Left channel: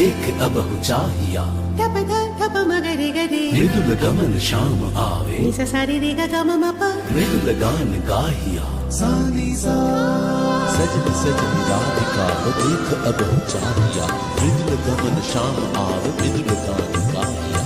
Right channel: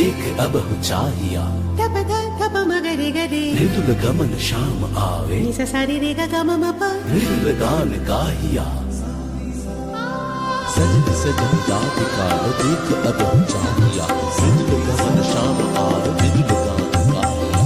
देख अब हो चाहिया ठप ठप मगरे गरे मृदुल गमन शाम आवे निसा सारी रे गा गा म प मृदुल गान गाहिया सजनी सजनी राधिका लो देख अब हो चाहिया मृदुल गमन शाम आवे मृदुल गान गाहिया